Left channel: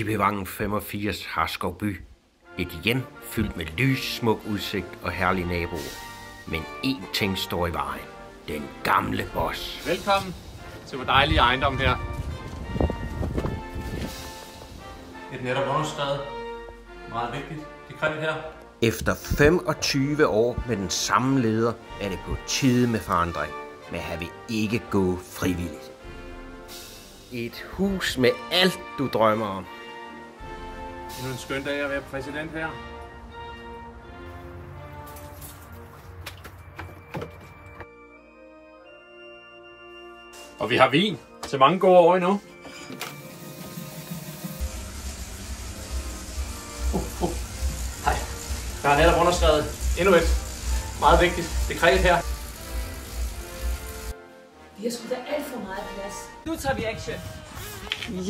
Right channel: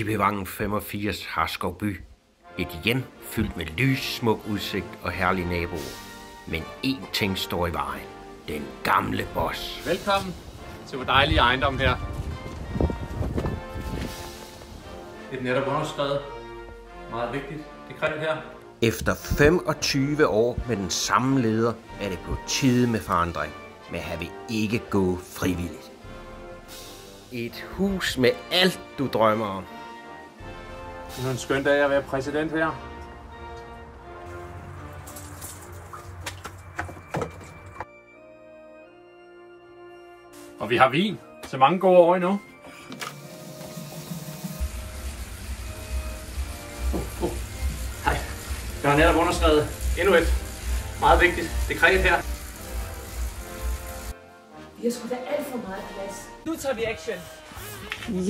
Tippevang 85 Harskovby. Et hjem fyldt med lys, smuk udsigt og herlige naboer. Men én ting står i vejen. Den gamle boss. Velkommen til vores dejlige ejendom her. Et netop underskrevet. Meget vigtigt. Det kræver her. Efter 25 år med den samme leder er det på tide med forandring. Men han vil ikke gå frivilligt. Et hus med alt du drømmer om. Det er en skøn dag at være præsident her. Og vi har vin så mange gode år endnu. Hej. Jeg har netop underskrevet endnu et meget vigtigt dekret her. Vi har sgu da alt for meget plads. Nu tager vi action.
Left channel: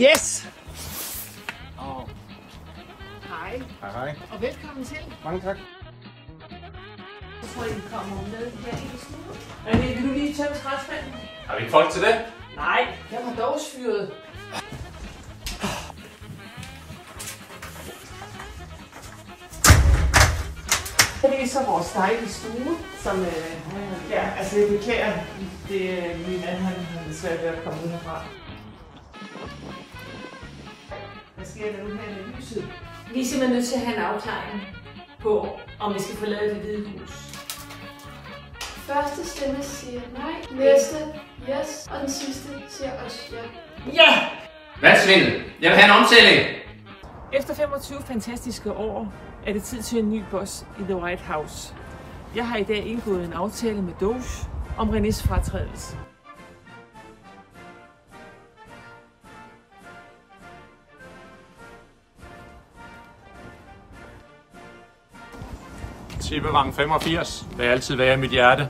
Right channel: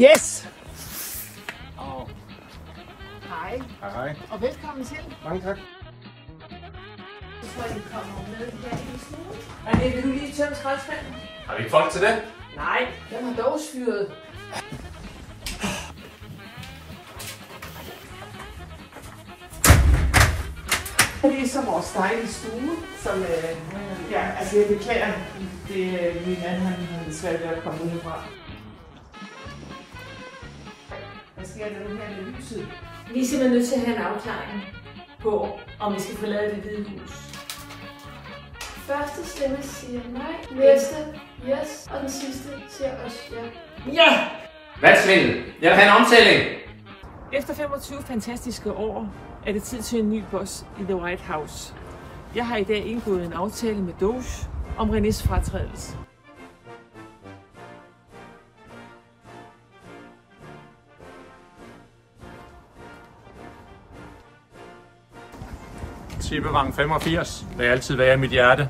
Yes! Hej. Hej. Og velkommen til. Mange tak. Så tror jeg, I kommer med her i stuen. Anne, vil du lige tømme skraldspanden? Har vi folk til det? Nej, den har dog fyret. Det er så vores dejlige stue, som, ja, altså jeg beklager, det er min anden, han svært ved at komme ud herfra. Hvad sker der nu her i lyset? Vi er simpelthen nødt til at have en afklaring på, om vi skal forlade det hvide hus. Første stemme siger nej, næste yes, og den sidste siger også ja. Ja! Hvad svindel? Jeg vil have en omtælling. Efter 25 fantastiske år er det tid til en ny boss i The White House. Jeg har i dag indgået en aftale med Doge om Renés fratrædelse. Tippevang 85 vil altid være i mit hjerte.